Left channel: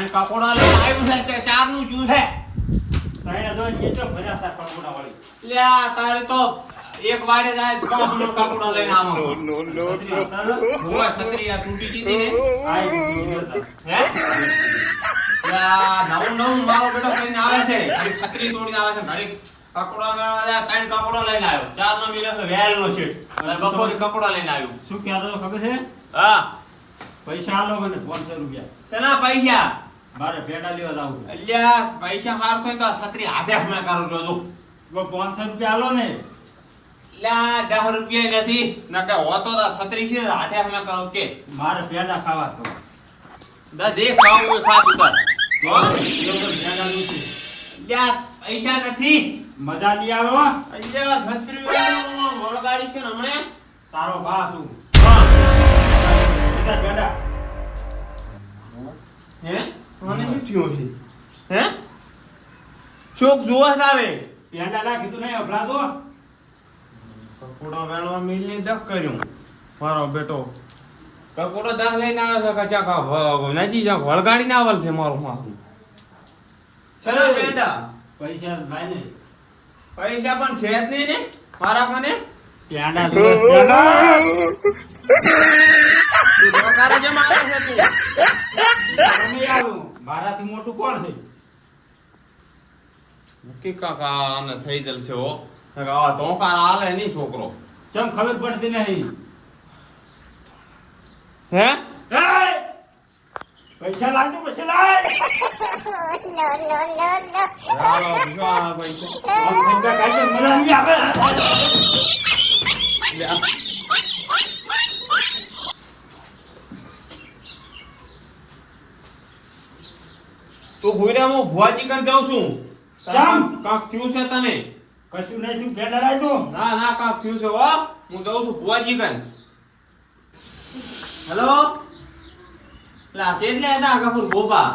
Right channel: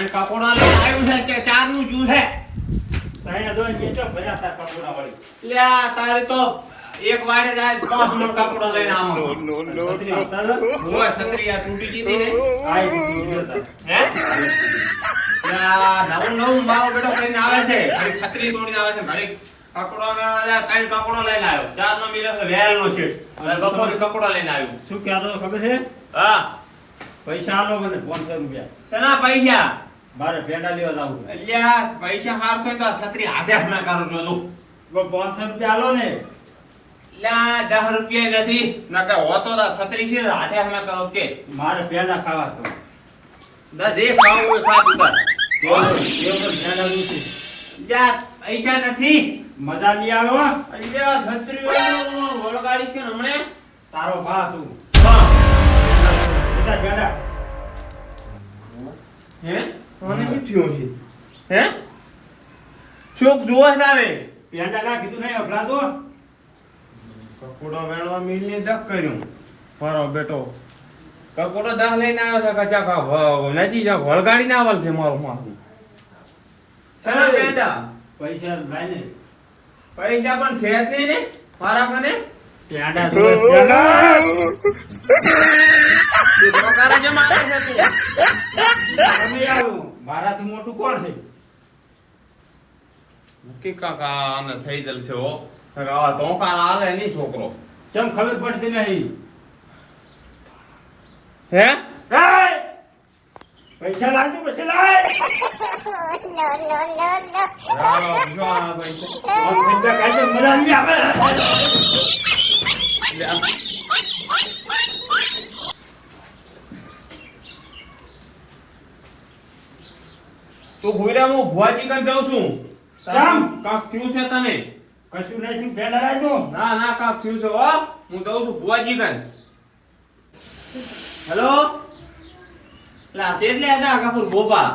ત્રણ કકોડા લાવ્યું છે કે ચાર નું જૂ છે ભાઈ દોઈ વેચો ભર્યા હતા કપડા વાળી લ્યા તારે તો એક વાડે જાય 5 મણ કકોડા લઈને આવો છત્રીયા તૂટી ગઈ ને આઈ હે લ્યા નવું મારો બેટો લઈને આવે છે છત્રી તોડીને આવે છે ઘડી કકોડા લેવા જાય ત્રણ કકોડા લઈને આવ્યો ચાર નો મિલે તો વેલ નો છે અને બપોરે કકોડા લઈને આવ્યો શું કહેતો ખબર છે હા પૈસા આલો મને 500 રૂપિયા ચલા પૈસા મારે પેડા લેવા જાવું છે અલ્યા પૈસા હાર તો છત્રી હાથે હમે કરું છું તું 500 રૂપિયા આલો ને લા 10 રૂપિયા નથી નકે હોતો તો છત્રી છે હાથે હમે કરો કે મારે પેડા ખાવા છે ના દેખ ખાવું હોય ખા તું તાર એ તો પેડા રૂસી લ્યા પૈસા નથી મજા નહીં આવો અલ્યા છત્રી વાળો વળગાડી કે હમણે તારો ભા છું હા પેડા હે કોને કીધું છે હે ચોક જોવા તારે પેડા ના કીધું નહીં અભલા તો કકોડો વેણો મિલને દક કર્યું મારો બેટો કકોડો દાહ લઈને આવ્યો છે કચા કા નથી જા વળગાડી ના આવલ છે મારો માથું સના પેંડા પૈસા લાય ને પૈસા પણ છે જ નહીં ને મારા કને પેડા તું રોકારે જે મારે છે તું મારાથી મોટું કોણ છે નક્કી કાકા અને થઈ જલ છે હો આ તો કાર આલે નહીં છોકરો કેમ ખબર પડતી નહીં હે પૈસા લાગતું પછી લાય મજા નહીં આવે તું ભૂરા હું ભુવાજી કન જાઉં છું કેમ? કાક થયું છે તને કશું નહીં તું પેડા લાય તો ના ના કાક થયું છે હો હું જાઉં છું ભુવાજી કન હેલો લા કેટલે હતા કપૂર ગોપા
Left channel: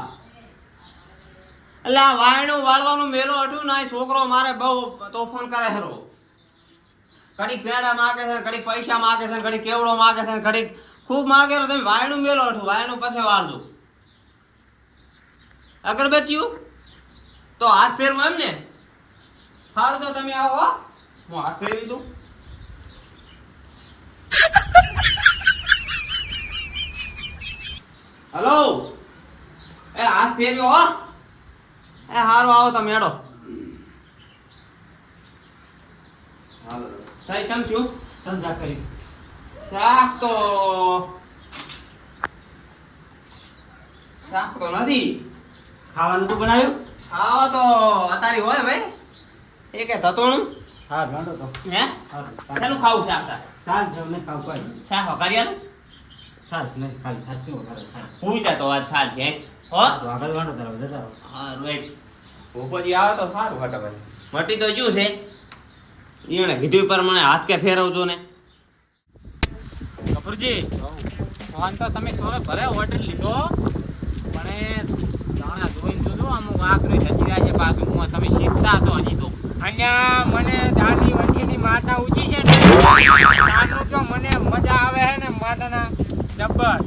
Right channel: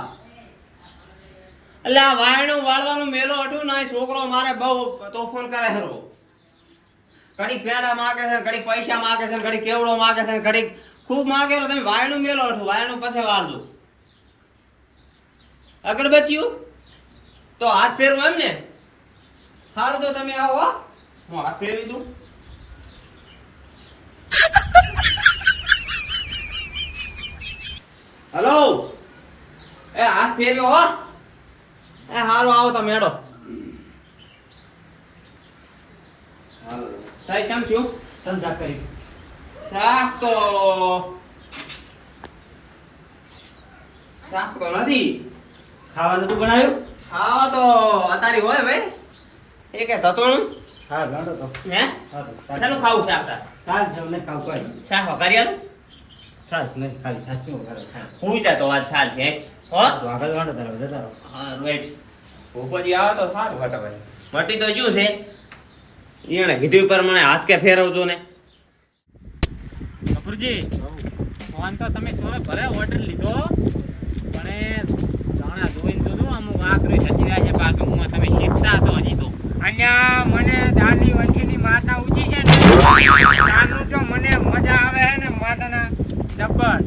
એટલે આ વાયણું વાળવાનું મેલો અઠું ના છોકરો મારે બહુ તોફાન કરે હરો ઘડી પેડા માગે છે ઘડી પૈસા માગે છે ઘડી કેવડો માગે છે ઘડી ખૂબ માગેલો તમે વાયણું મેલો અઠું વાયણું પછી વાળજો અગરબત્તીઓ તો હાથ ફેરવું એમ ને સારું તો તમે આવો હો. હું હાથ ફેરવી દઉં હલો એ હાથ ફેરવ્યો હો એ હારું આવો તમે હેડો સાહેબ કેમ થયું ધંધા કરી શાક તો નથી ખાવાનું તો બનાવ્યું ખાવા તો અતારી હોય ભાઈ એ કે ધતોણું હા ગાંડો તો હે હા શેનું ખાવું શાક તાર સાસ જમને ખાવ કર શાક વઘારી સાસ નહીં ખાલી સાસ શું વગર ખાય હું તો વાત સાલ છે હો તો આગળ ગાંડો તારો જતા હા રાઈટ ભોપજી આવે તો સારું ફટાફટ મટી તો જ્યું છે એને કીધું પ્રમાણે હાથ કે ફેરવજો ને કપૂરજી ફોન તો તમે સોરે ભલે ઓર્ડર લીધો પણ એ જાણે જોઈને જોજો અમુક આકરી થતી રહ્યા છે પાછું હું તમે શીખતા છો હજી તો અહીંયા મને દાની વચ્ચેની માતા ઊંચી છે ને દાનું તો મને મજા આવે છે ને માતાના ડબ્બર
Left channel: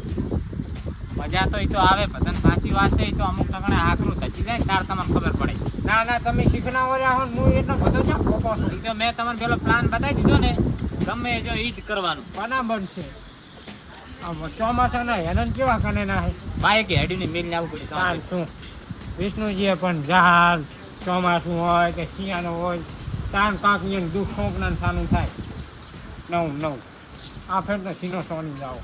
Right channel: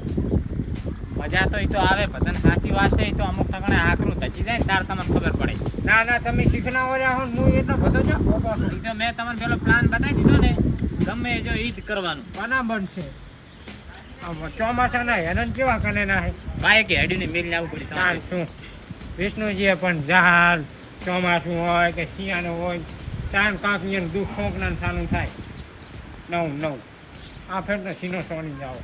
મજા તો એ તો આવે બધાને સાચી વાત છે એ તો અમુક ટકણે આકરું થતી જાય ને તાર તમને ખબર પડે ના ના તમે શીખના રહ્યા હો હું એટલો બધો જ પોપો છું એ તો મેં તમને પેલો પ્લાન બતાવી દીધો ને ગમે જો ઈ જ કરવાનું બરાબર છે ચોમાસાના હેરાન કેવા કને ના હે બાઈક હેડીને મિલ આવવું પડી તાર શું વિષ્ણુજીએ પણ જહાજ ચોમાસું હોય કે શિયાળો હોય તાન કાંક એને દુઃખ ખોકના સાનું થાય નવ આ ફેર તો સીનો સોની જાઓ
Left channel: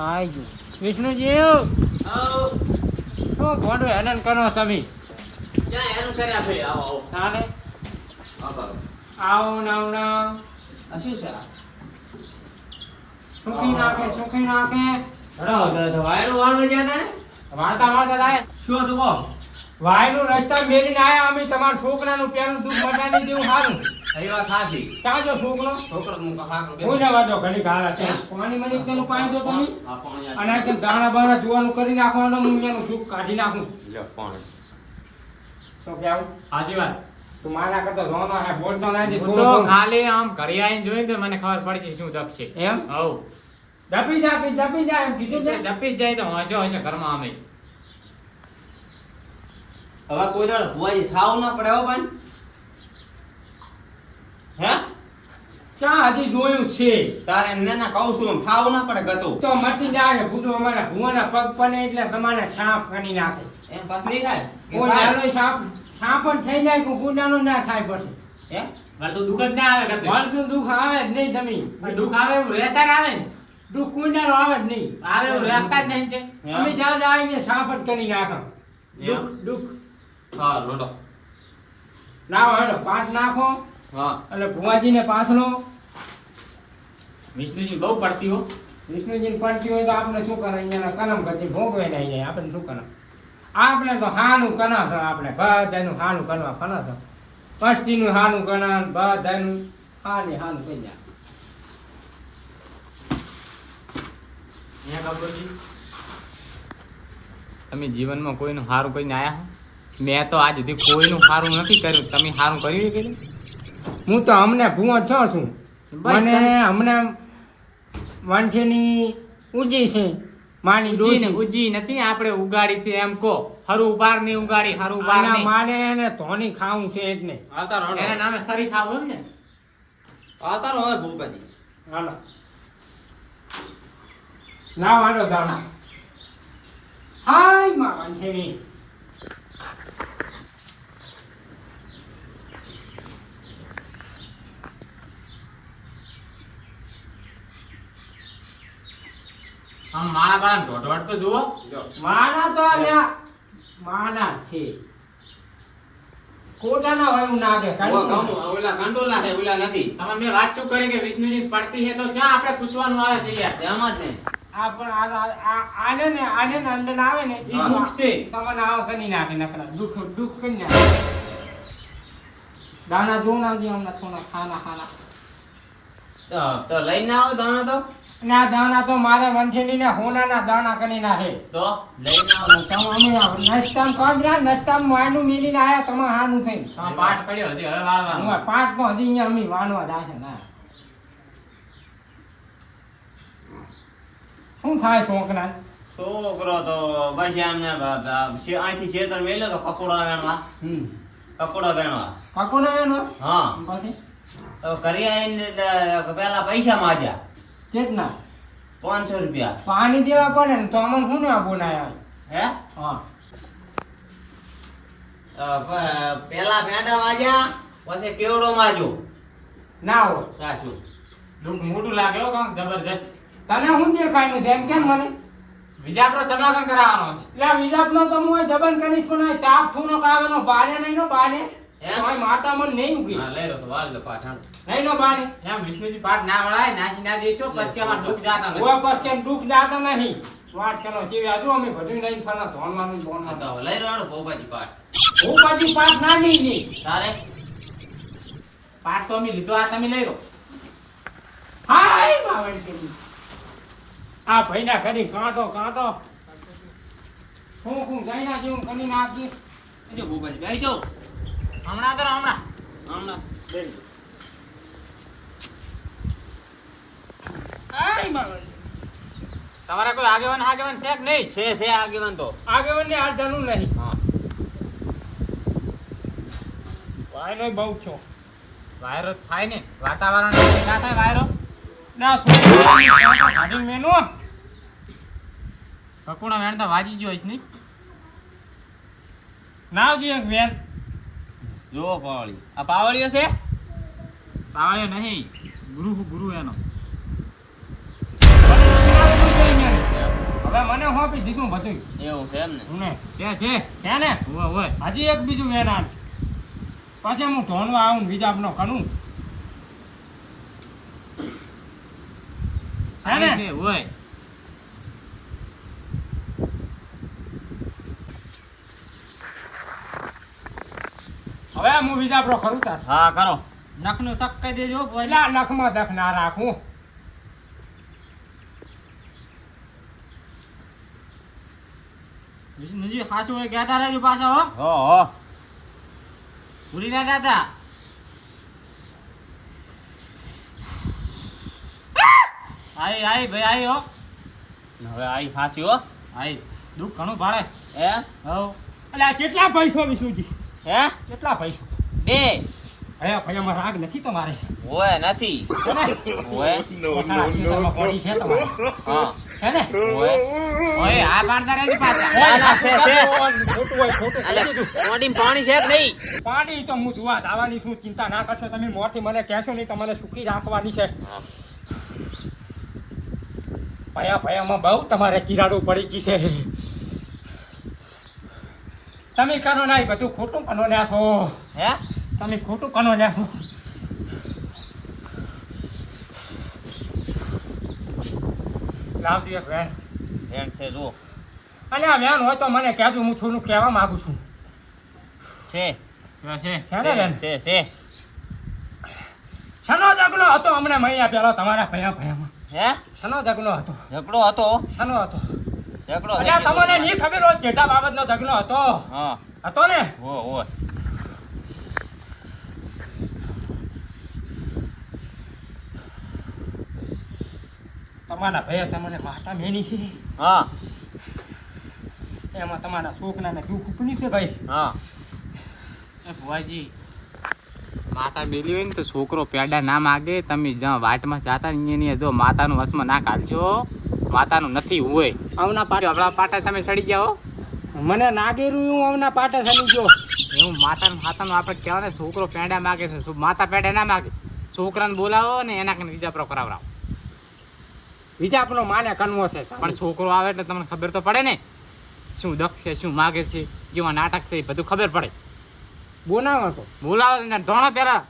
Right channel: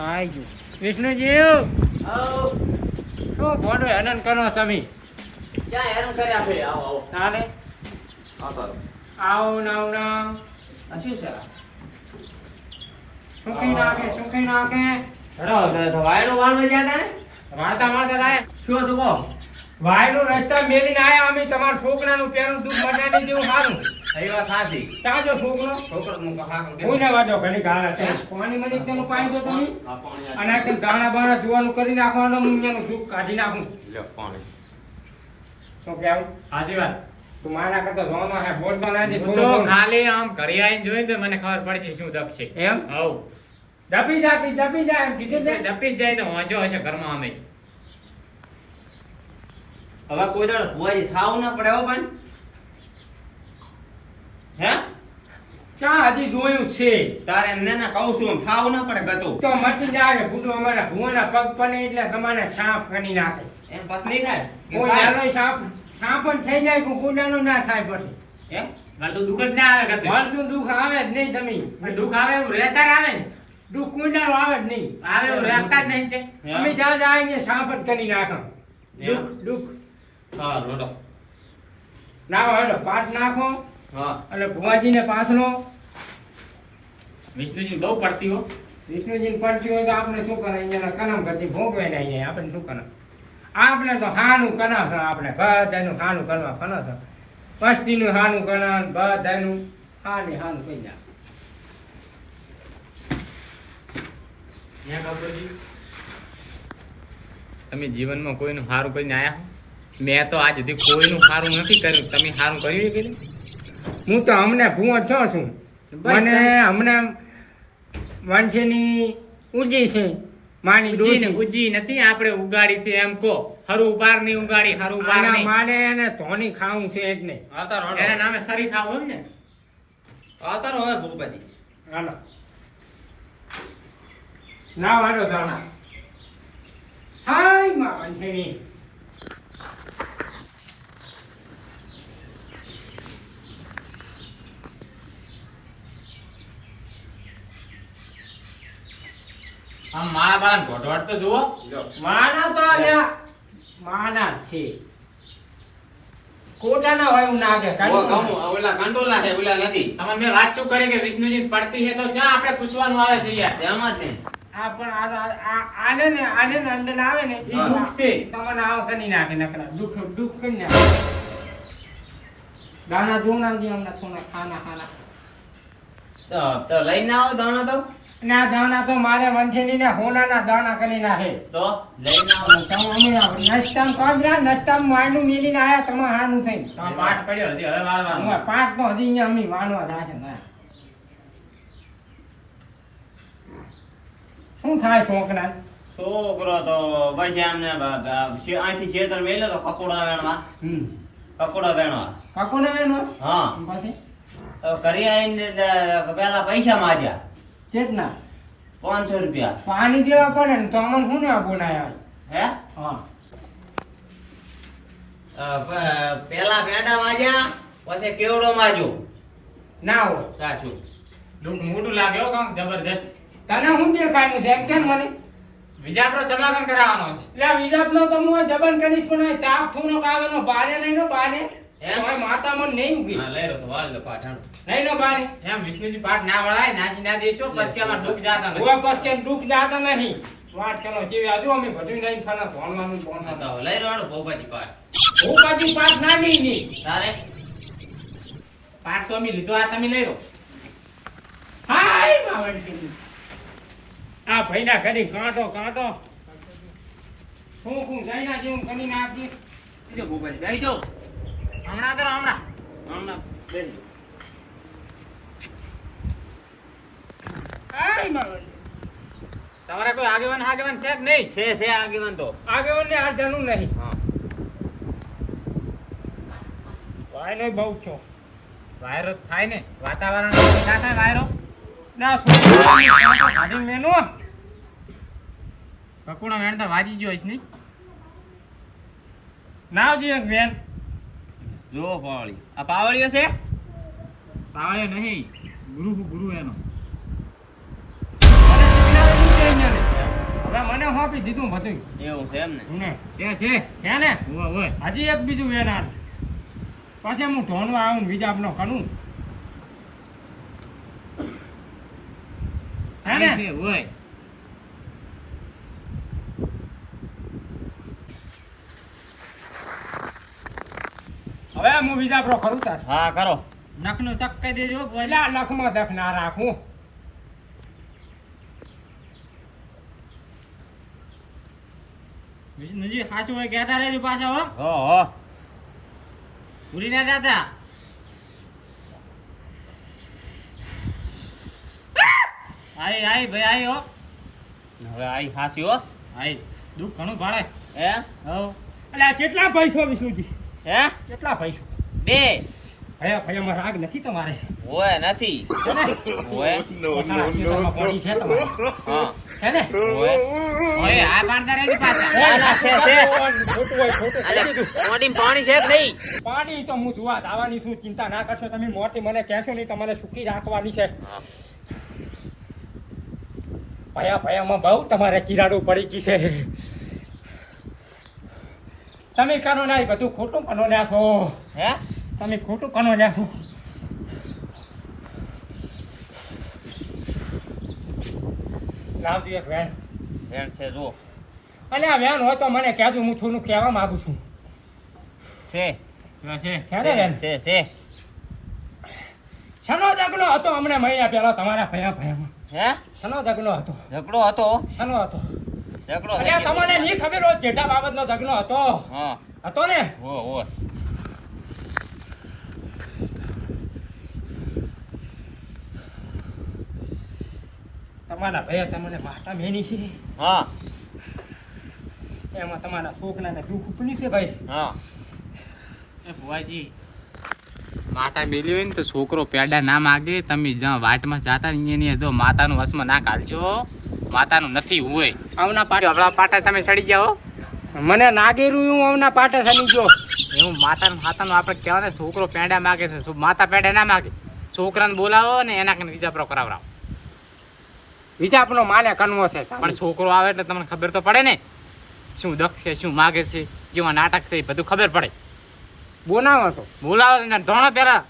આઈ ગયું વિષ્ણુજી શું ભોડું હેરાન કરો તમે ક્યાં હેરાન કર્યા છે આવો આવો તારે આ કરો આવો નાવ નાવ આ શું છે સુખી નાખે વાયણું વાળવા ગયા હતા ને વાળતા થાય શું હતું કહો વાયનું રસ્તા મેલીને આયા અમે તમારા છોકરાનું પેલું દુઃખ મટાડી દેવું સારું એ વાત સાચી ચાજો છોકરો છોકરો હું કહાક હું ને વાડો ઘણી ગાળા છે પાણી મની તેનું પાણી દો તમે અને આ ગાણા બાણા જોવાનું કરી નાખવાનું હું એનું દુઃખ કાઢી નાખું તો કેવું સાચી વાત તું મારા કરતા જોવાનો હે બોલતો નથી હું તો ખાલી આમ ઘરે આવીને જોઈને તો મને ખબર પડી છે શું દક્ષ છે એમ હવ દબી જાય એમ કીધું છે. જપી જ જાય તો વાંચો હશે ઘરમાં અમે. હવે કોઈ દાડો ભુવાજી થાવું ના પડે હો પણ હે ક્યાં હજી જોયું છે તારે એમને ના કહું છું થાવું ના પડે ગતું તો મટી જાય ભૂંડું અમારા ભુવાના પગ પડે એટલે તમારે સાફ કરી નાખે. એમ પાસ નહીં થાય કે કોઈ થાય? નાનો સાફ જ થઈ જાય કોઈ ગુંડાનો ના થાય પછી. એમ મારે તો દુઃખ જ ના આવે કદી. મળતું દુઃખ આવે જ નહીં તમે. પણ દુઃખ આવે એવું રહેતા જ આવે ને. દુઃખ કોઈનાનો આવે જ નહીં. આવે એવું રહેતા જ નહીં છે. અમે જ્યાં આવીને સાફ જ કરી નાખો. એમ? દુઃખ હા લોટો લાવો હેડો પાટ નાખો હા એટલે ભુવાજીને પાથરો. વિષ્ણુજી બહુ પડતી હો. વિષ્ણુજીને પડતી હોય તો આપણે શું કરે અહીંયાના કલમ ગતિ ભોગવે ને અહીંયા આપણે શું કરે આપણે તો હાનું કના છે આપણે બધાનું હાનું કરવા ફના છે પસ્તીનું હાનું કના બધાનું હાનું કહી જાય. તમે જીવનમાં કોઈનું સારું કરીને આયા હો? મેં તો આજ સુધી કોઈનું સારું નથી કર્યું. તમે સારું કર્યું કે હું તો અમને ભૂવો છો છું. બસ મને અમને વાંચીની ઉજી છે માની ડોસી. ઉજી નથી આપણે ઉગાડી છે એમ કો. હરું બાર ની ઉગાડી હરું બાર આના ની. મારે એને ધોની ખાવું છે એટલે. આવતા રહો એના નામે સરી ખાવું ને. આવતા રહો હવે ભૂપાજી હાલો ના વાળો દાણા હાય માં વાંચીની. આમ માળા બાળા ઢોઢવાડ તો જુઓ. માના તો અહીંયા માના જ છે કોટાના હોય એવું નાગે ઓ ગમો ઓલા કંડોલા છે ઓલા નથી આમાં મેં વાત શું કરી કે વિષ્ણુજી પડતી છે તો જ્યાં આપણે પૂછવાનું આવે છે યાર. એમાં જ ને આ પણ આને ને અંદર આવે ને એ દુઃખ છે. તમને આવ કરી નાખે નકરા દુઃખ કરી નાખે. દાણા જોઉં ના દે હમણાં થોડા ખાના તો લઈને આવો દાણા તો ના દાણા તો મારે વંઠીની ને હોનાના દાણા કરી નાખે. તો લઈને આવો નસ્તામ કાઢ્યા નસ્તામ વાંડું મેલીને આયા તમે હાનું થઈ. તમે પાઠ પડ્યો હજી હવે વાળવાનું. પાક તો હજી અહીંયા અમી વાણવા જાય છે ના શું થાય છોકરા છોકરો તો પછી એમને અહીંથી છેતર મેલ્યો તો કકોડા વેણવા કકોડા વેણવા પકોડા એનો હા પછી તો કરી આવીને પેલા પૈસા માંગ્યા કેટલા 500 રૂપિયા પાણી દેવા પડે ને તો અમને શું ના બોલાયા હે હા પેલા પેંડા માંગ્યા પછી કેવડો માંગ્યો ના હોય સાચું દુઃખ મોટું લાગે હો કામ જબરજસ્ત. તને શું દેખાયનું છે એમ કેમ મને વિજાપરો તમાકન કરાવવાનો છે. એટલે વિજાપનો તો હું જબન કરીશ પણ અહીં તાપ થૂનો કાવેનો બારે નહીં નો બારે હે? તો અહીં માતા મને નહીં ઉગી હા લઈ રહ્યો તો વાળ લે પાછાનું નહીં નો બારે એમ વિષ્ણુજી પાઠ ના વળાય નાખી ના દેશો પછી કે અમારે દુઃખ જાતા નથી. ઓય બસ કે દુઃખ જાતા નહીં વાત ચલો જેવી આજુ અમે બધું લઈને ફના ધોનવાનું બોન હા તો લઈ રહ્યો ભોપાજી પાછ હું પાછી પાસ ના નહીં તારે પાઠ તો અમે લીધો આ તમે લઈ રહ્યો. હાય માવડી આ ભાઈના ઘરે કાંટો હું જઈના જેવું કરી નાખી જો ભોપાજી બેસી જાઓ હમણાં કરો હમણાં. હમણાં બેસી જાઓ. હાય માવડી તમારે કોઈ આગેવાન છે કે નહીં? છે આગેવાન તો આગેવાનને આ જાણું નહીં હા ભાઈનો બહુ છો વાયરો થાય ને વાતાવરણ ના થાય વાયરો. ના શું મેનો પકોડો વેણતા વાજી ગયો છે નહીં. નાવજી એક વેન જો પાવળી આ પાવળીઓ છે પાવળ્યો નહીં ગુરુ એનો. હવે મને હોપી દીધું બધું એવું છે એમ ને છે હે ને ઓય હજી એક બીજું વેન આન પછી હું ધોનવા આવું બીજા નો કરું હે ને છે ઓય. હવે હું બીજા પ્રો ખરું તાર હા કરો નખનું તક કહી દેજો પેલા નખમાં દખ ના રાખું વિષ્ણુજી ખાસું હોય કહેતા રહેજો પાછા હો. હો ભૂલી ના જાતા. આઈ આઈ ભાઈ આઈ હો હવે આઈ ફાંસી હો. આઈ દુઃખ ઘણું ભાડે હે હવ એટલે આ કેટલા પૈસો વિષ્ણુજી હે કેટલા પૈસો બે ભયા ભયામાં રાગ નથી તમારે હોય નથી છે ને? હોય પોતાના ખેતરમાં પાણી છે તમારે હા છે ને હોય ઓય આ કાઢતા રહેજો પાછા ના, ના, છે. ખોટું હોય ખોટું કહી દીધું. મોઢીમાં પાણી છે કે નહીં? પાણી તો હું જોવા આવવાની શું ચિંતા ના કરશો તમે મોરથી મને કહેશો નહીં તમને સુખી રાખવાની છે ભયા ભયામાં બહુ તમારે ચિરાડું પડી ગઈ છે તમે કરો ના એ બધું ખોટું કનો લ્યા છો હે તમે ખોટું કનો લ્યા છો લાવજો એક વેન એમ છે જો અને આ વેન હોય તો મને કહેજો હું થોડું કહેવા માંગુ છું છે છે છે ને વેન છે શનો ઝઘડો હતો હમણાં મહિના પહેલા તમારા ભયા ભયામાં હે શનો ઝઘડો હતો ઝઘડો હતો શનો હતો ઝઘડો એટલે તમને નહીં ખબર હોય જેઠા બાબતનો ઝઘડો હતો હા હતો ને હોય તમારા ભયા તમને માતા મેની છે હા એમાં તમારા છોકરાને દુઃખ ઉપની છે ભાઈ હા એ ભુવાજી માતા મેલી હોય ને તો છોકરો પેડા ના માગે તમે જ્યાં વાટમાં જાતા ને એની જો માતાનું વસમાં ના કાઢજો માતાનું નથી હોય આવના પાટે હવળા પાટા તમે સડી જાઓ મને નાગેરું હું આવના પાટે સની ગયો એવું માતાનું માતાનું આપણે કહેવાય ને છોકરો પેડા માગે છે માતા પેડા ના માગે છોકરાને બોલાવો ને એના કને વિજાપરો કરાવરાવો વિજાપનો માને કનવો છે પણ છોકરો આવે એટલે તમને ખબર તો પડે ને શું દખ છે શું માગે છે જેવા નાટક છે એ બધું ખબર પડે બોનાવો તો બોલાવો ને ધોણો પહેલા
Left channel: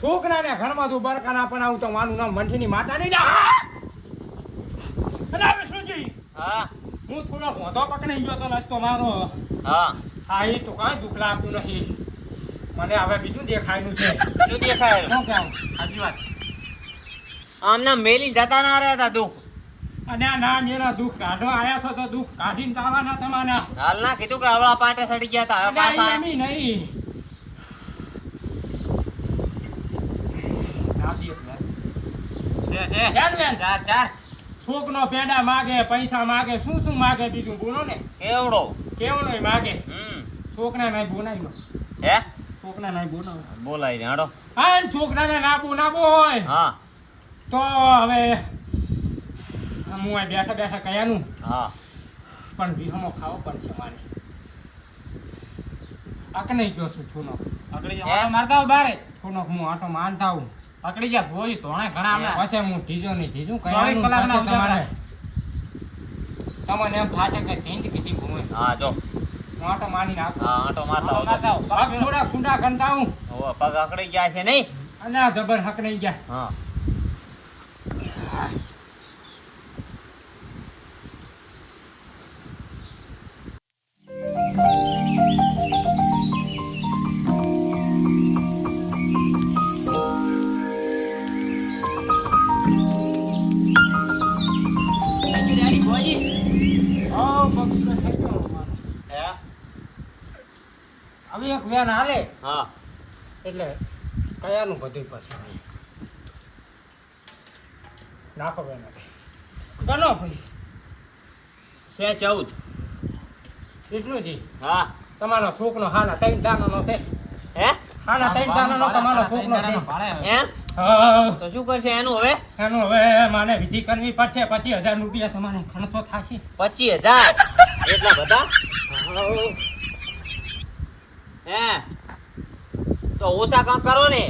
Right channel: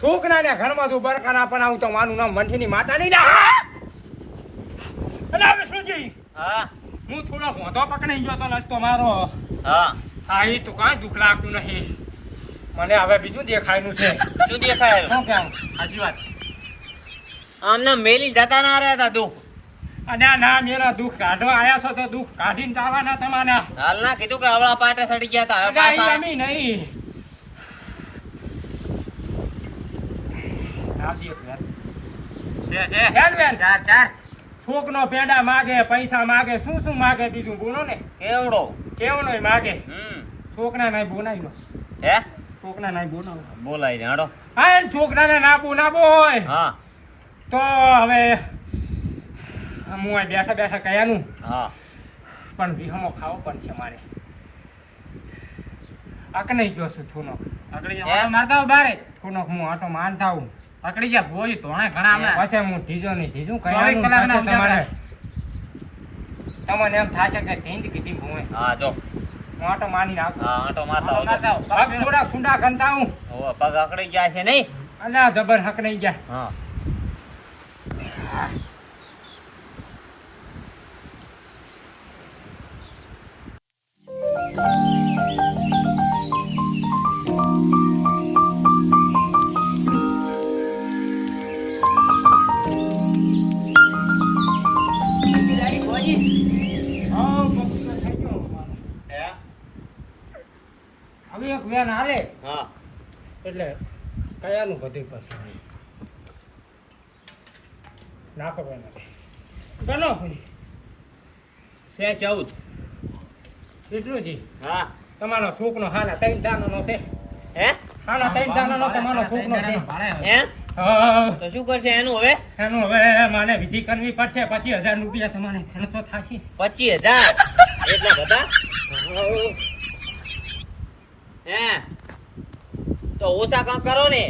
છોકરાને ઘરમાં તું બરકાના પણ આવું તો મારું નામ મંઠીની માતા નહીં અરે વિષ્ણુજી હા હું થોડો મોઢો પકડી ગયો તો રસ્તો મારો હા હા એ તો કાંઈ દુઃખ લાગતું નહીં મને હવે બીજું દેખાયનું છે શું દેખાય શું કહું સાચી વાત આમને મેલી જતા ના રહ્યા દુઃખ અને આ ના મેરા દુઃખ કાઢો આયા છો તો દુઃખ કાઢીને જવાના તમારા હાલ ના કીધું કે હવળા પાટે સડી ગયા તા હવે પાછા નહીં નહીં આવજી એક વાર. છે વેન વેન ચાર ચાર છોકનો પેડા માગે પૈસા માગે શું શું માગે બીજું બોલો ને કેવડો કેવું નહીં માગે હમ છોકરા નહીં બોલાવ્યો હે છોકરા નહીં બોલાવો બોલાઈ જાડો હા એમ છોકરાને ના બોલાવો હોય હા તો હવે હું અહીં બેઠા બેઠા કયાનું હા પણ વિહમો ખાવો પણ છે મારે આક નહીં ગયો છું થોનો પકડી જા ઓટો મારતા હો બારે થોનો હું આટો માનતા હું પકડી જા ભુવાજી ધોણે ઘણા હમણાં પછી હું ઢીજો નહીં ઢીજું 24 કયાનું કલાકના પછી તમારે તમને એમ થશે કે જીંદ કીધી ભૂમે હા જો હું આટો માની નાખું હા આંટો મારતા ઓટો આવજો. મારતા હો. પગ થોડા સુંડા ગંતા હું હોવે, પગ અકડી ગયા છે નહીં અને આ જબર હક નહીં જાય હા હે? હવે એક વેન હાલે હા એટલે કયાનું બધું પછી નાખો વેન ગણો ભાઈ છે 14 વિષ્ણુજી હા તમારો છોકનો હાના 3 દાનાનો છે હે હાના 3 દાનાનો તમારો છોકનો છે હે હા તો શું કરશે એનું હવે એનું હવે માને વિધિ કરવી પડશે 25,000 રૂપિયા તમારે ખર્ચો થશે 25,000 એટલા બધા હે તો ઓછા કામ કરો ને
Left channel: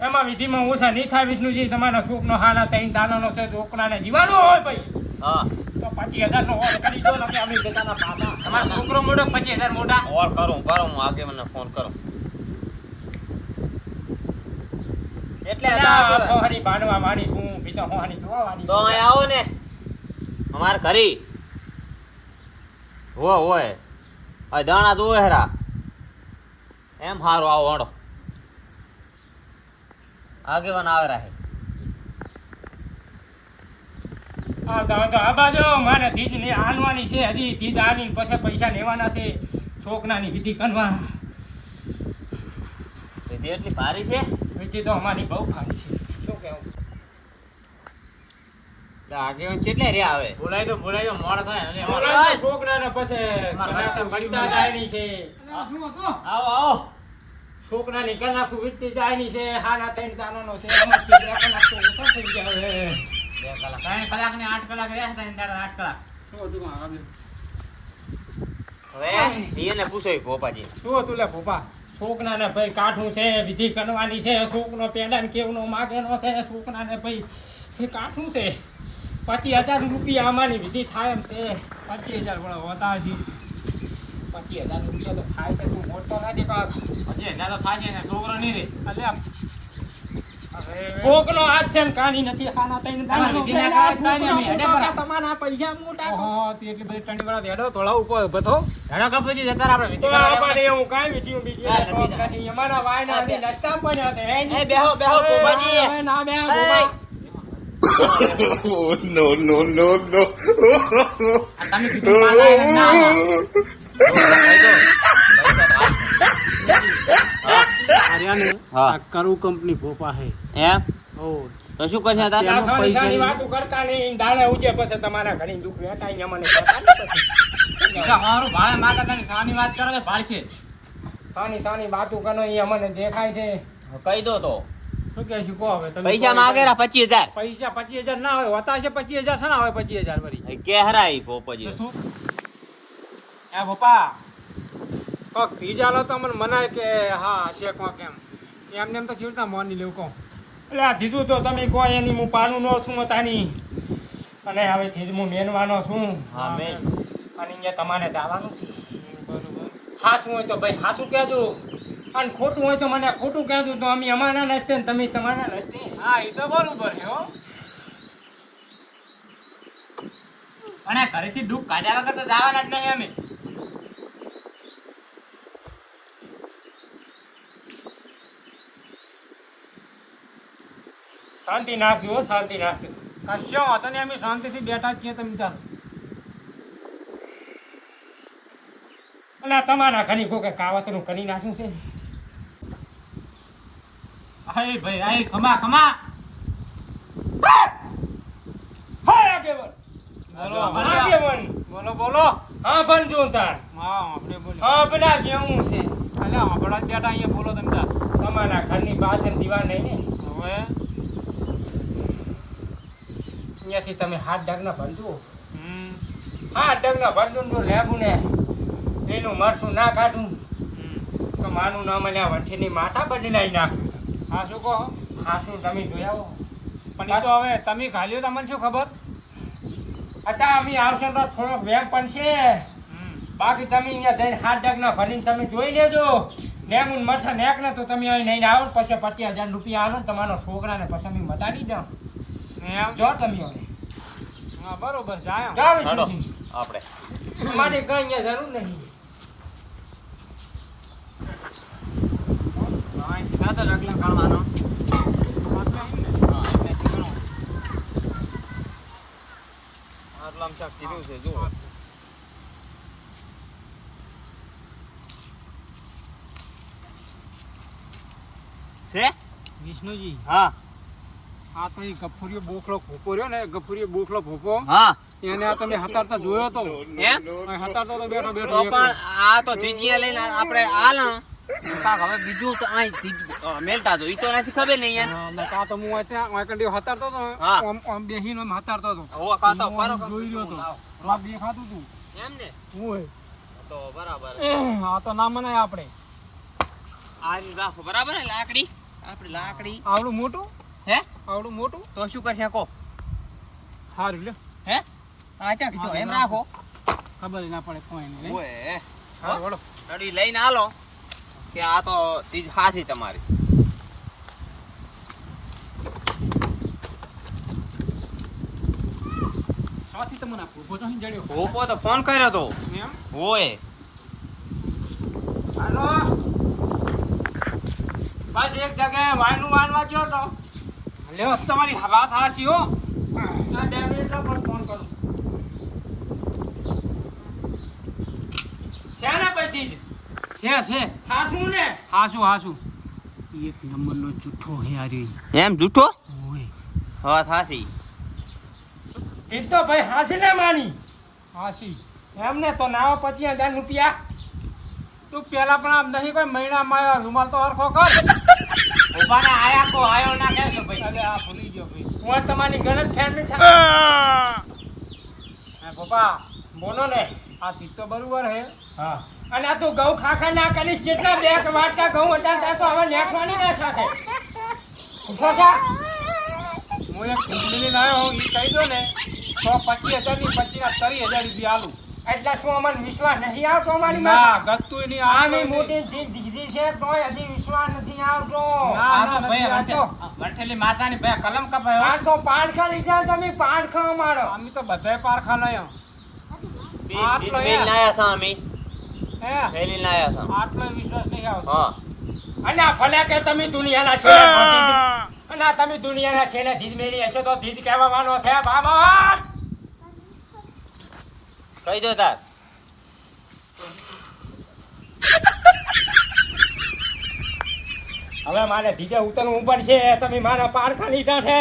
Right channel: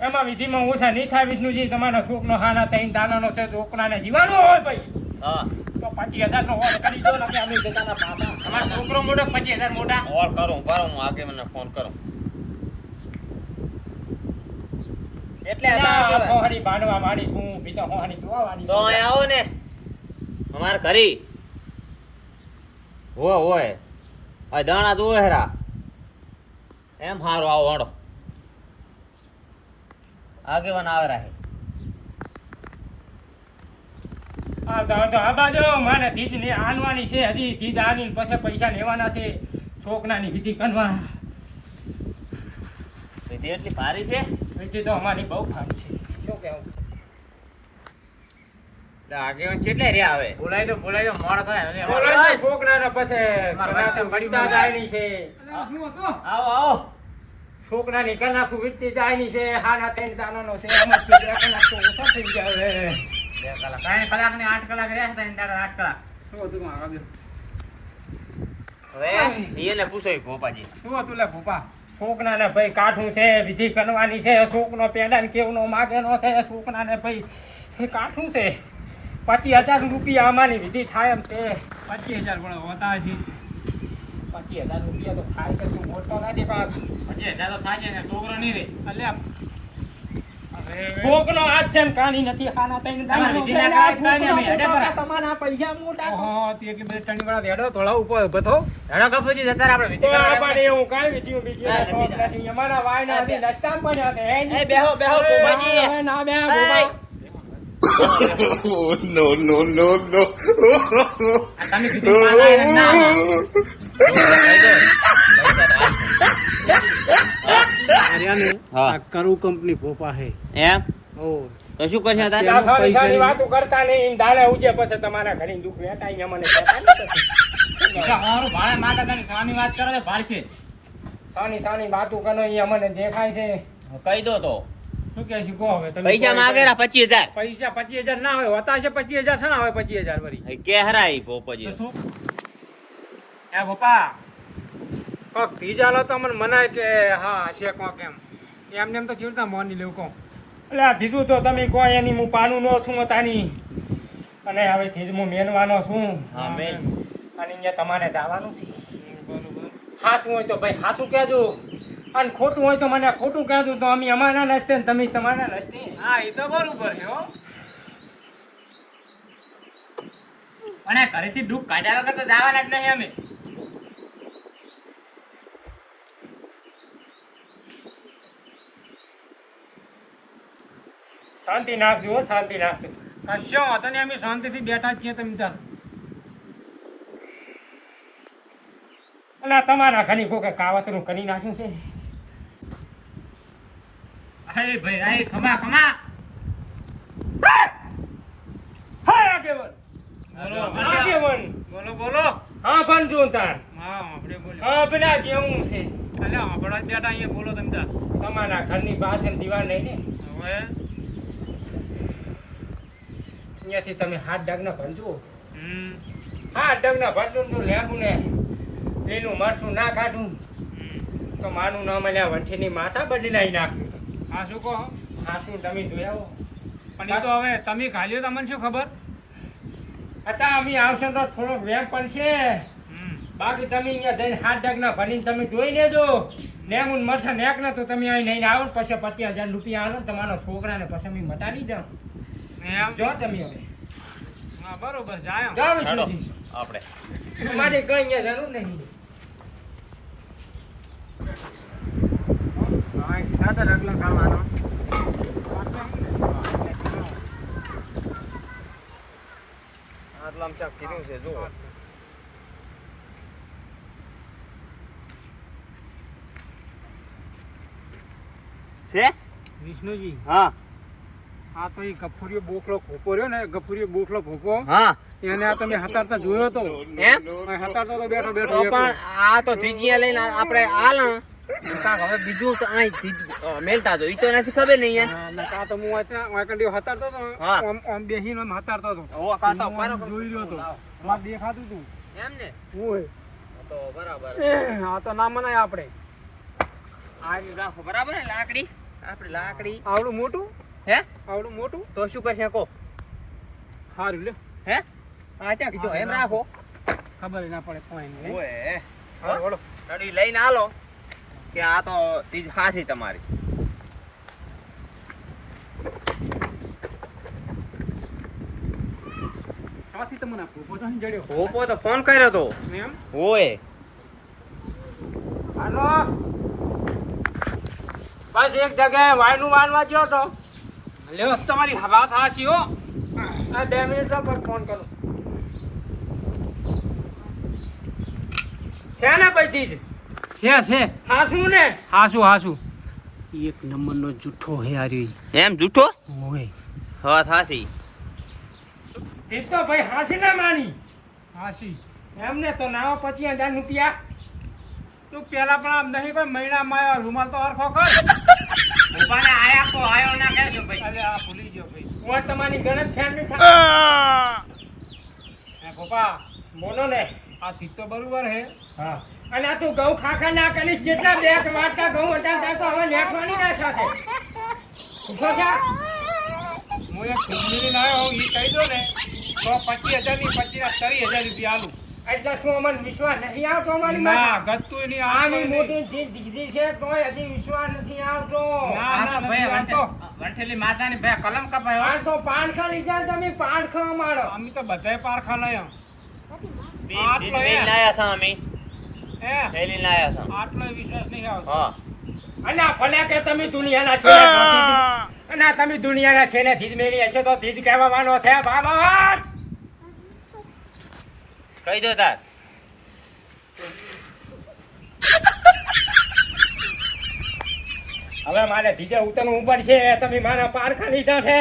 એમાં વિધિમાં ઓછા નહીં થાય વિષ્ણુજી તમારો છોકનો હાના 3 દાનાનો છે છોકરાને જીવાનું હોય ભાઈ હા તો 25,000 નો ઓર્ડર કરી દો ને કે અમે જતાના પાછા તમારો છોકરો મોટો 25,000 મોટા ઓર કરું હું આગે મને ફોન કરું એટલે હોહાની બાંધવા વાળી છું બીજા હોહાની જોવા વાળી તો અહીં આવો ને અમાર ઘરી હોય આ દાણા દો હેરા એમ હારું આવો હડો આગેવાન આવે રાહે આ બાજુ માને ધીજ ને આનવાની છે હજી ધીજ આની ને પછી પૈસા લેવાના છે છોકરાની વિધિ કરવાના સીધી એટલી ભારી છે વિધિ તો અમારી બહુ ભારી છે શું કહેવું આગેવાન કેટલે રે આવે બોલાય તો મોડ થાય અને બોલાય છોકરાને પછી કનાતા મળતા જાયની છે આવો છોકરાની કનાખું વીતતી જાયની છે હાના 3 દાનાનો છે આમાં છે 2 કલાક તો ઓછો થઈ જાય હવે 2 કલાક 3 કલાક ને 8 કલાક રહ્યા હતા 8 કલાક શું હતું આગળ હવે એને પૂછો ભોપાજી શું હતું લે ભોપા છોકરાને ભાઈ કાઠું છે વિધિ કરવાની છે છોકરો પેડાને કેવનો માગેનો છે છોકરાને ભાઈ એ કાઠું છે 25,000 રૂપિયા આમાંની વિધિ થાય એમ છે 25,000 પણ હોતા છે 25,000 રૂપિયા તો થાય છે તું મોટો નથી કાક 25,000 તો થાય છે ને છોકરો નહીં રે અલ્યા છોકરો હાથ છે ને કાની નથી ખાના તઈને દાણા વિધિ ના કરાય કાંઈ નહીં, અમે હેડે ભરા. તમારા પૈસા મોટા ઓહો તી એટલી બધી ટંડી વાળા દેડો તોળા ઉપર બતો હેડો કપૂજી જતા રહે આપણે વિધિ તો કરવા આપણે એવું કાંઈ વિધિયું બીજી ના શોખ નથી અમારા વાયના હતી નસ્તામ પડ્યા છે હે એ બેહો ભોપાજી હવે ના બે ગોબા નો નો નો નો તમે વિધિ માંગાય ને ના હા કરું કંપની ભોપા હે એમ તો શું કરશે તારે આ સાની સાની વાતો કરતા નહીં દાડે ઉજે પછી તમારા ઘણી દુઃખ વેટાઈ અમને કહેતા નહીં પછી. હારું ભાડે માતા તમે સાની વાત કરો ને ભાળશે સાની સાની વાતો કરો એ અમને દેખાય છે કહી દો તો શું કે છે કહો હવે તમે પૈસા માંગે 25,000 પૈસા 25,000 ના હોય હોતા છે 25,000 છે ના હોય 25,000 વરી કે હરાઈ ભોપાજી તો શું એ પપ્પા કોક ત્રીજાલો તો મને મનાય કે હા છે કોક એમને એમ તો કેવી રીતે મોની લેવું કહું એટલે આ ધીધું તો તમે કહો એની હું પાનું નો છું તાની અને હવે ધીજ હું મેનવાનો છું હા મેન અને અહીંયા તમારે જવાનું છે હાસું હોય તો ભાઈ હાસું કહેજો અને ખોટું હોય તો મને ખોટું કહેજો તો અમે અમારા નસ્તે ને તમે તમારા નસ્તે હા એ તો બરોબર છે હો પણ આ ઘરેથી દુઃખ કાઢ્યા વગર તો જવાના જ નહીં અમે શાંતિ નાખજો હો, શાંતિ નાખજો કશો વાંધો નહીં અમે શાંતિથી બેઠા જ છીએ તમે તાર અને આ તમારા ઘણી કોકે કાવતરું કરી નાખ્યું છે અરે ભાઈ આય ખમા ખમા હાય આગેવન બોલો આગેવન બોલો બોલો હા પણ જો તાર હા આપણે બોલ્યો હા પેલા જેવું છે અલ્યા આપણા જ બેઠા અહીંયા બોલો તમે તાર તમારા ઘરની પાછળ દીવાલ નહીં ને હવે અહીંયાથી તમે 7 ડગના ભરજો હમ 7 ડગના ભરજો તો લેબુ ને એનું મરસું ના કાઢું હમ તો માનું નામ અને વંઠીની માતા બદલાઈ નાખ્યું હા શું કહો હા શું તમે જોયા હો પણ એ તો હવે તમે ખાલી તમને શું ખબર અત્યારે અમે આવશે તો થોડોક વેમ પણ છે હમ બાકી તમે અહીંયા જઈને 7 ડગના ભરીને તમે જોઈ લેજો લેમુન મરસા નેક ને તો તમે અહીં નહીં આવો ને પછી 25,000 રૂપિયા આલો ને તમારા છોકરાને પછી અમે મટાડી જાઓ એમ જો તમે હવે હા બરોબર જાય એમ. જાઓ હાલો વિષ્ણુજી. આપણે અમારે કઈ અહીંયા જરૂર નહીં હા ખાતર અગલા ગણવાનો આપણે અહીં હા એટલે ગણો આટલામાં ક્યાંક કીધું છે જુઓ છે વિષ્ણુજી હા આ તો એ ગફુરીયો બોખલો ભોપો રહ્યો ને ગફુરીયો બોખલો ભોપો હા એને આ તમે હતારતા જોયો તો એમ હતારતો તો બેઠો તો બેઠો પણ આ તો ધીજીયા લઈને આપણે હાલ કાક હવે બીજું તો અહીં મેલતા તો ઈ તો નથી ખબર નહીં યાર આ તો હું ત્યાં કંડી હતારતો તો હા. આમ બેહીને આમ હતારતો તો ઓ કાકા હું પારો જોઈ રહ્યો તો આમાં દેખાતું તું એમ ને હું તો બરાબર આ તો ના મનાય આપણે આ રીત રાખો બરાબર ને લાકડી આપણે લાકડી આવડું મોટું હે આવડું મોટું તો શું કરશે કો સારું લ્યો હે આ ક્યાં કીધું એમ રાખો ખબર ના પડે કોઈ નહીં ઓએ હારું, વળો. ગાડી લઈને આલો કે આ તો ચીજ હાસી તમારી સાથી તમને ભૂપો તો અહીં જડ્યો ભોપો તો ફોન કર્યો તો એમ ઓય હાલો બસ એક જગ્યાએ વાયનું વાળવા ગયો તો લ્યો તમારી વાત હાસી હો આ 2 મિનિટમાં પણ ફોન કરું છે ને બધી જ છે હાસું ને હાસું એક નંબરનો જૂઠો હે આર્યો એમ જૂઠો ઓય હા હાસી એ તો ભાઈ હાસી ને માની હાસી એમને તો નાવા 25,000 રૂપિયા તું પેલા પણ આમ નહીં કોઈ મહિનામાં આવ્યો રૂમાલ તો હરખો કર ઉભાને આયા કો આયો ના કહેશો ભાઈ. અરે આ ભૂલી ગયો ભાઈ હું તમારી ગલત ફેમિલી થાય હે પપ્પા બોલો ને આ ચીજ તો બરોબર હે હા અને આ તું ઘઉં ખાખા ના કરીશ જેટલા બે વાટકા ઘઉં હતા ત્યાં તો હવે નેકવાની ના સાથે ઉભો થા. હું એક ખુદલી લાવ્યો હું એ કહી દો ને તો 25,000 ની 30,000 રૂપિયા આલું એટલે શું અમને વિશ્વાસ નથી આવતો અમારી ના માથે? ગતું નહીં આની મોટી દીકરી છે તોય હજી વિશ્વાસ નથી આવતો ના, આ તો ના, ભાઈ નથી આવતો. વંઠેલી માતાની ભાઈ કલમ કપાયો. આ તો પાણખા લીધા તમે પાણખા અમારો અમે તો બધાય પારખા લાયા આટલો બેન એ. લાયા છે અમે. હે થેલી લાયા છે. આટલો વિશ્વાસ નહીં આવતો હા. અને આ ભલે કે તમે દુનિયાના છે અને આ તમે દુનિયાના છે ને ધીજ મેલી હશે તો ધીજ કહેવાનો છે બાબા. કહી દો તાર. હવે મારે ધીજે ઉતરવું પડશે તમે મારા પારખા લીધા છે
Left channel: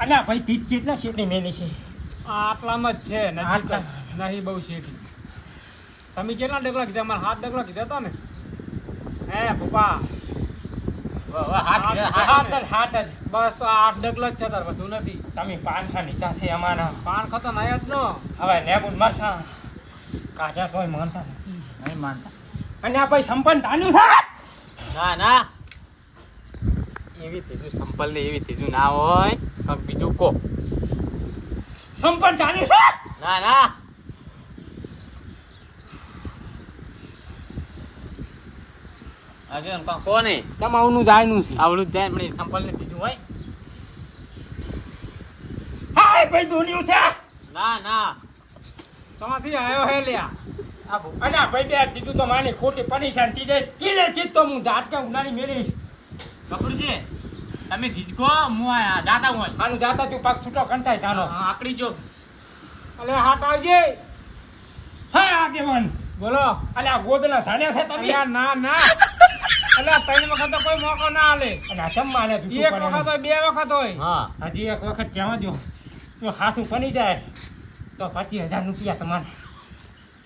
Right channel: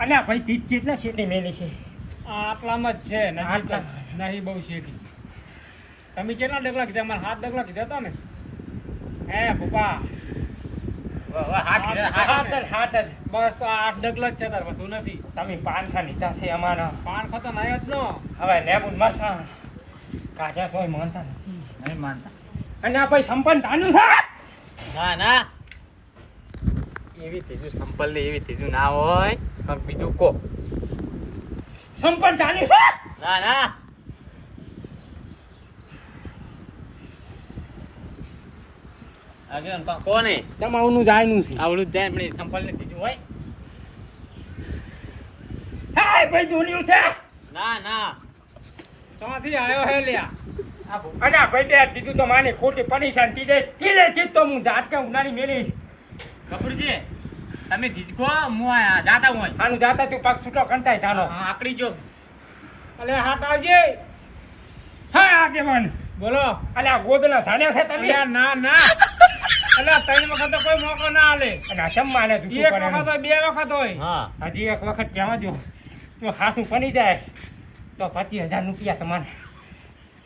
અને આ ભાઈ ધીજ કેટલા સીટની મેલી છે આટલામાં જ છે નજીક જ. આટલા. નહીં બહુ શેઠી તમે કેટલા ડગલા કીધા મારા 7 ડગલા કીધા હતા ને હે પપ્પા હાથ જ હાથ જ બસ તો 8 ડગલા જ છે તાર બધું નથી તમે પાનખા લીધા છે અમારા પાન ખતો નહીં જ નો હવે લેબુન મરસા કાઢ્યા તોય માનતા નથી નહીં માનતા. અને આ ભાઈ સંપન્ન તાનું છે ના ના એવી ત્રીજું સંપલ ને એવી ત્રીજું ના હોય કંઈક બીજું કો સંપન્ન તાનું છે ના ના હજુ કોને તમારું જાયનું છે આવડું જ જાય પણ એ સંપલ ને ત્રીજું હોય હાય ભાઈ દુનિયું છે ના ના તમાથી આવ્યો હે લ્યા અને આ ભાઈ તે કીધું તો માની ખોટી પરેશાન તીજે તીજે ચીજ તો હું ઝાટકા ઉનાળી મેલીશ કપડજી તમે ધીજકો હું આયા જાતા હું આનું જાતા તું પાક છૂટો કંટાય જાનો આકડી જો અલે હાથ આવજે હા આગેવાન બોલો અલે આ ગોદલા ધાણ્યા છે તમે અલ્યા ના ના અલ્યા 3 વખત તો કોઈ મોકો ના આલે અને આ ચમ્માને એક જૂઠું વખત પડે હોય 2 વખત હોય હા હજી એક વખત કહેવા જો તો ખાસું બની જાય તો 25,000 રૂપિયા તમારે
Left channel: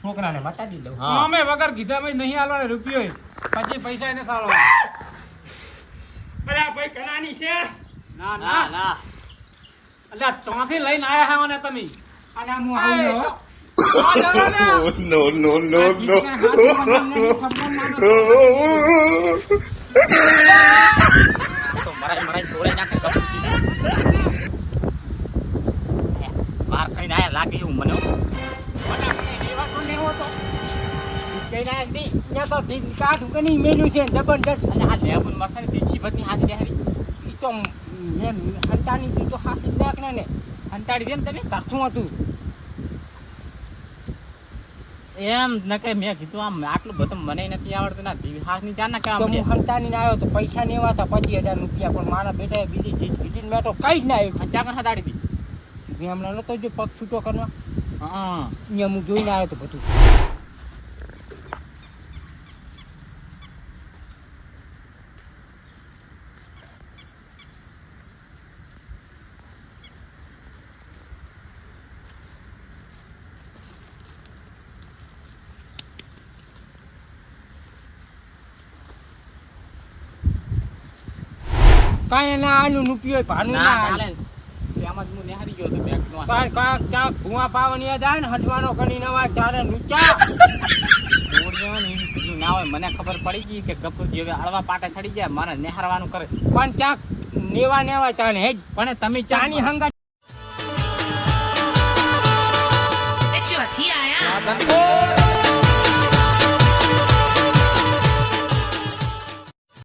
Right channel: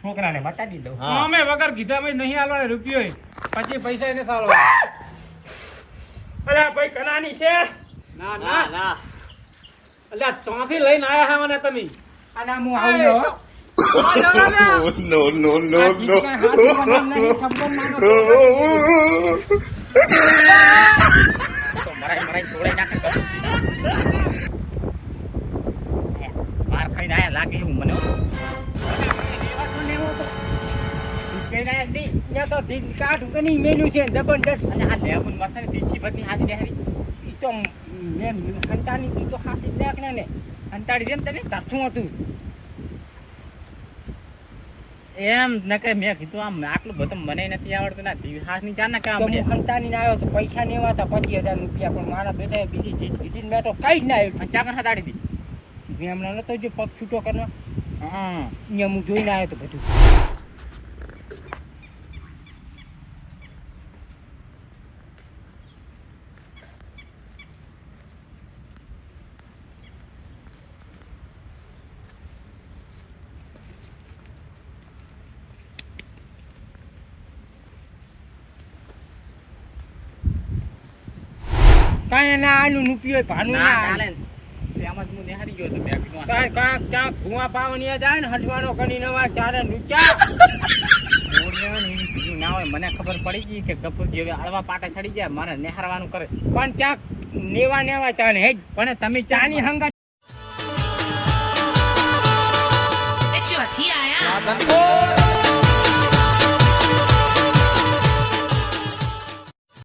છોકરાને મટાડી દઉં હા. અમે વગર કીધા ભાઈ નહીં આલવાનો રૂપિયો પછી પૈસા એને સારો અલે આ ભાઈ કનાની છે ના ના ના અલ્યા ચોથી લઈને આયા હે મને તમે અને હું આવ્યો no, no, no, no. તો મરાઈ તોડે નાખે કપડજી માર ખાઈને આયા લાગે એવું મને હો. કઈ ના નહીં ત્યાં તો ધીજ કાઢું કે નહીં મેલ્યું છે જબરદસ્ત અને આ લેબુન મરસાની દીક્ષી બધી હાથી બેહરી ઈ તો મેં હંતાની તી તો હાસી નાખને ને અંતાડી દેમ તમે શું હતું એમ ન કે મેં કીધું આમ આટલું બધું મને નથી આવડતું ના હાથ ની ચાર ના તો કામ હું હંતાની આવ્યો તો પૈસા ને એવા હતા 25,000 રૂપિયા પણ મારા બેટાએ બીજી ચીજ કીધી મેં તો કઈ જ ના આવ્યું ચાકર હટાડી દી મેં હમણાં નતો જો પગ છૂટો કરવા હા અહીંયા હું જોઈને આવ્યો તો બધું કાંઈ ના આનું રૂપિયો ભાનું ના ના ચાલે તેમાં જ હું નિહારી ગયો તો મેં કીધું કાંઈ કાંક ચાક ભૂવા પાવનિયા જાય ને હઠવાનો કરીને અવાજ તારે નુચા ના હોય મને ખબર પડી ગઈ કે ગપુરજી હવે હળવા પાટા ચડી ગયા મારે નિહારવાનું કરે પણ ચાક નેવા નેવા ચાને હેજ પણ તમે ચાની હંગા ચોથી આયા